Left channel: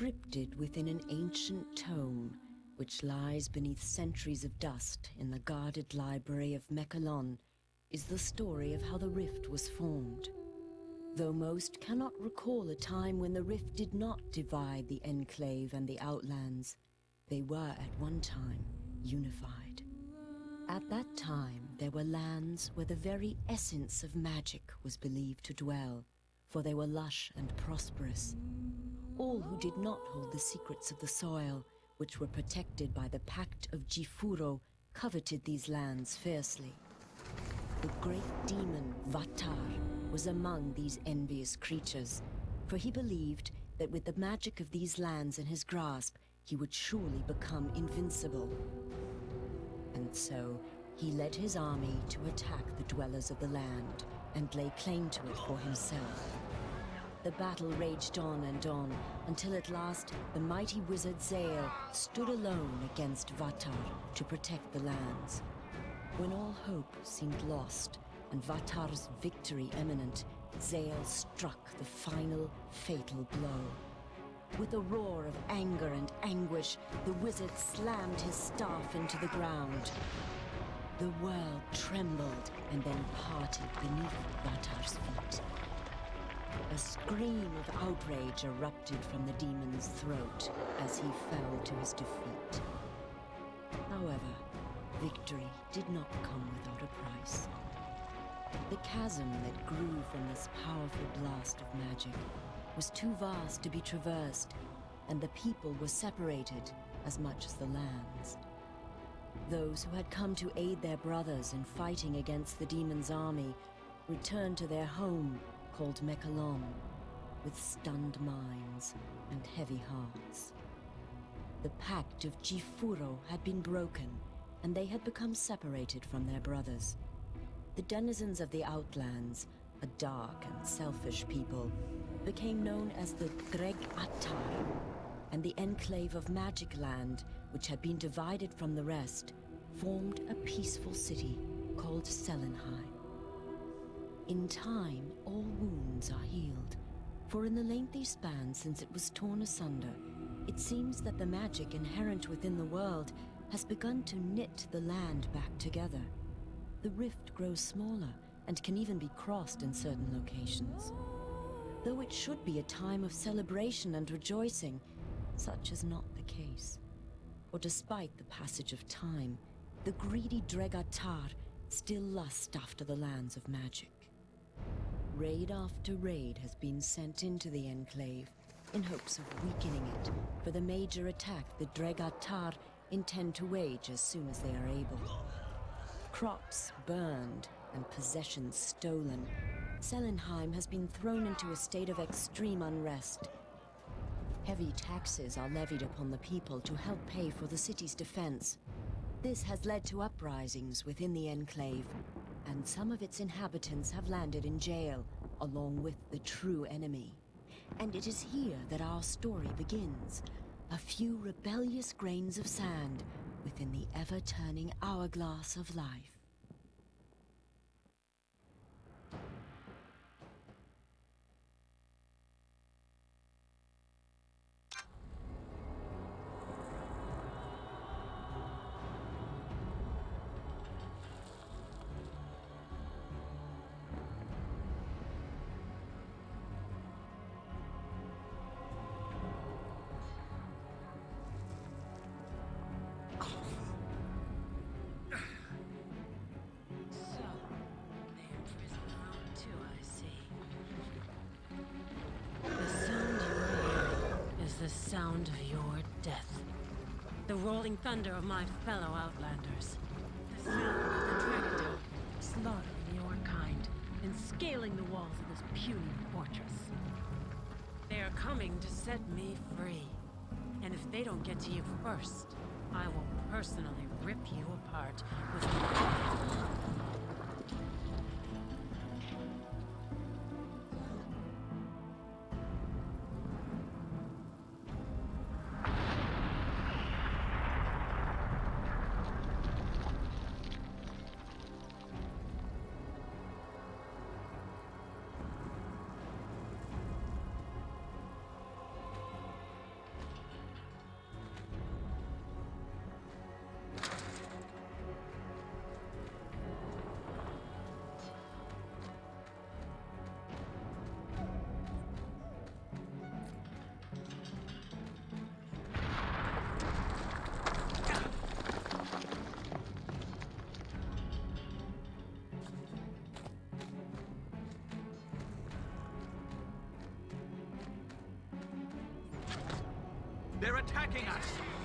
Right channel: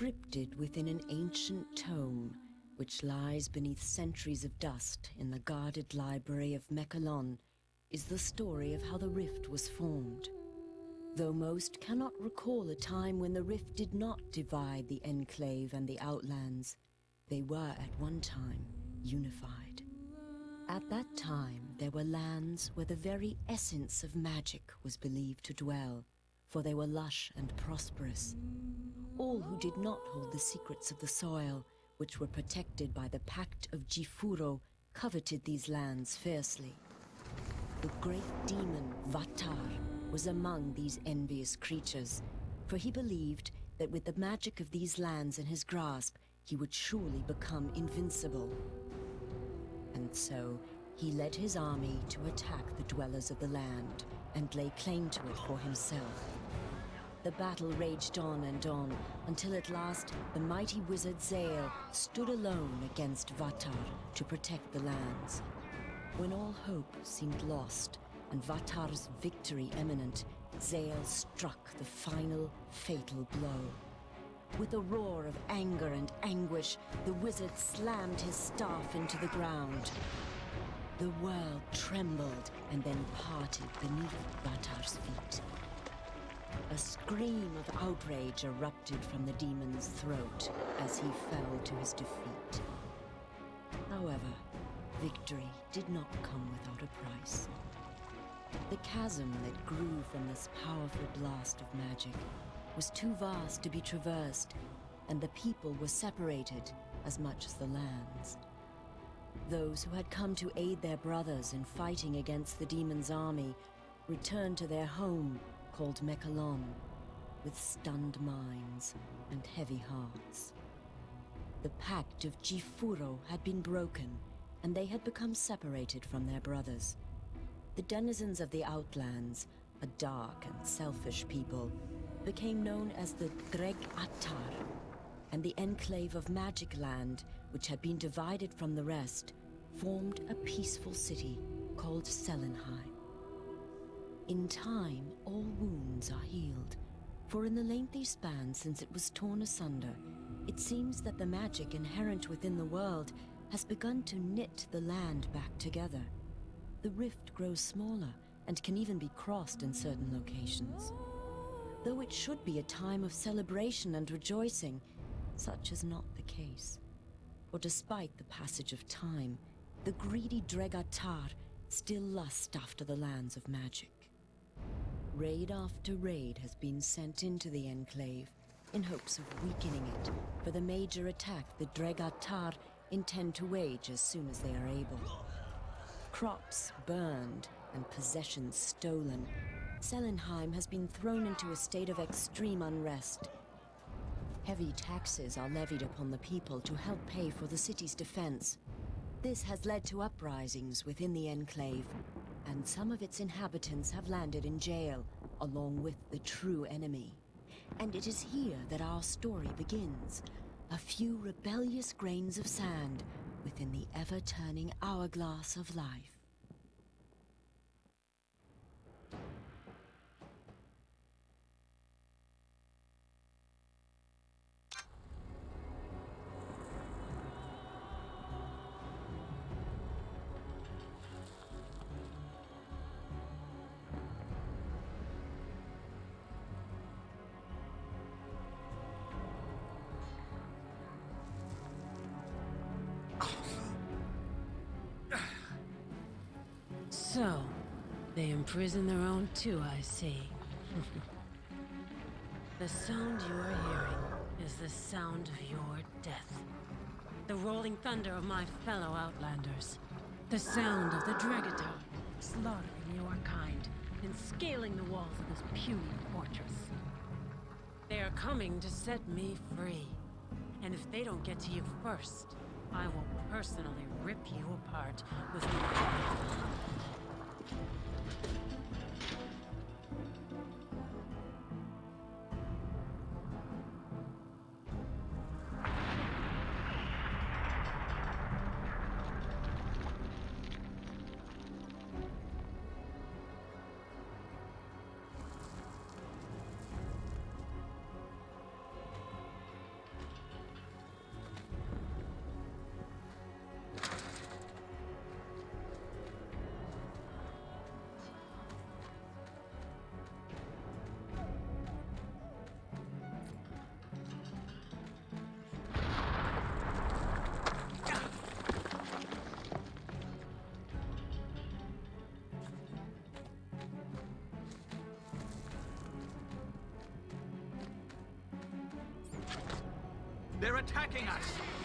Scripted within an ancient tome, which lies beneath centuries of dust in the guarded library of Mechalon, is the story of how the rift was formed. Though most cannot recall a time when the rift did not divide the Enclave and the Outlands, they were at one time unified. At that time, there were lands where the very essence of magic was believed to dwell, for they were lush and prosperous. All who did not hold the secrets of the soil, which were protected by the Pact of Jifuro, coveted these lands fiercely. The great demon Vatar was among these envious creatures, for he believed that with the magic of these lands in his grasp, he would surely become invincible. And so, he led his army to attack the dwellers of the land and lay claim to it for himself. The battle raged on and on, until at last the mighty wizard Zael stood alone against Vatar to protect the lands. When all hope seemed lost and Vatar's victory imminent, Zael struck the final fatal blow. With a roar of anger and anguish, the wizard slammed his staff into the ground. The world trembled and then parted beneath Vatar's feet. A scream of outrage erupted from the demon's throat as he fell to his defeat. However, victory did not come without a price. The chasm that grew from this powerful blast of magic was too vast to be traversed, and the people were separated as much as the lands. Those who had come to aid their brothers in fighting against the demon's army returned to their home, called Mechalon, with stunned minds and heavy hearts. The Pact of Jifuro had been broken, and they had become separated from their brothers. The denizens of the Outlands, a dark and selfish people, became known as the Dreg Attar, and the Enclave of Magic Land, which had been divided from the rest, formed a peaceful city called Selenheim. In time, all wounds are healed, for in the lengthy span since it was torn asunder, it seems that the magic inherent within the world has begun to knit the land back together. The rift grows smaller and can even be crossed in certain locations. Though it should be a time of celebration and rejoicing, such is not the case. For despite the passage of time, the greedy Dregatar still lust after the lands of magic. Raid after raid has been sent into the Enclave in hopes of weakening it for the major attack the Dregatar intend to wage as soon as they are able. Crops burned and possessions stolen, Selenheim has been thrown into a state of extreme unrest. Heavy taxes are levied upon the people to help pay for the city's defense. This has led to uprisings within the Enclave, and some of its inhabitants have landed in jail, along with the true enemy. And it is here that our story begins. A few rebellious grains of sand within the ever-turning hourglass of life. So, they imprison their own too, I see. The sound you are hearing is the sound of your death. The rolling thunder of my fellow Outlanders. The sound of the dragon. They are coming to set me free. And if they don't get to you first, I will personally rip you apart with my... They're attacking us!